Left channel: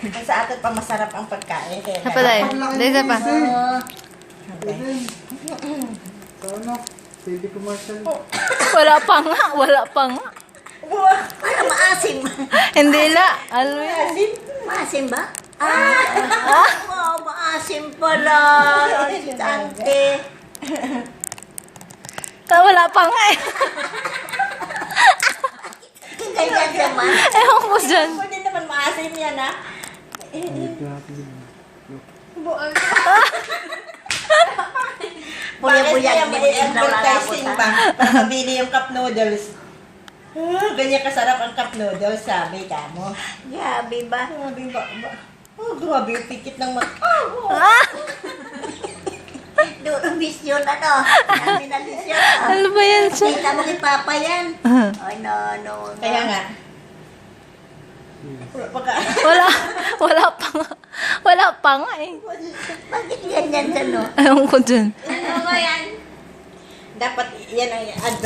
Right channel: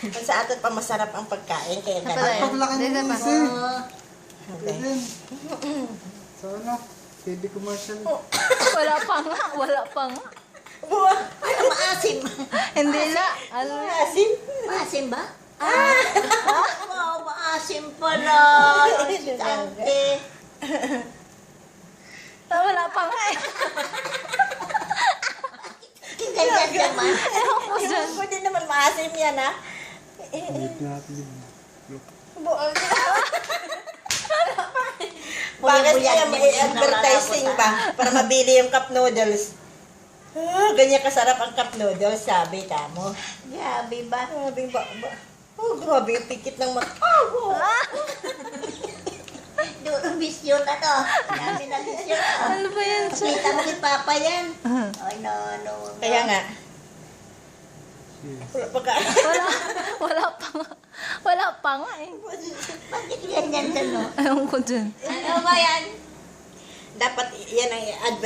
Kung sa atin pa masarap ang pagkain. Kaya Apa tayo? Dito pa. Sana, TV commercial. Wala pa nga. Wala pa nga. Ano, maasim? Hindi la. Ano yan? Asin. Maasim ba? Wow, maasim pala. Si Tante. Wala pa nga eh. Ganyan naman. Ewan ko dyan. Pwede naman maasim yan, ha? Buya-buyag Bakit ni kaya may Buya na advertising ba? Para mabili yung cup noodles. Ganyan kasarap ang cup noodles, sabi ka mo. Gabi ba? Grabe ba? Oh, grabe yung pikit ng Doon misyon ano? Dami na misyon. Ano ba yan siya? Kita mo kay Papa yan. Ay, no. Kaya nga. Wala. Wala pa nga. Wala pa nga eh. Bakit ganyan siya, no? Ewan ko dyan. Ano ba yan? Dapat yan ang advertising.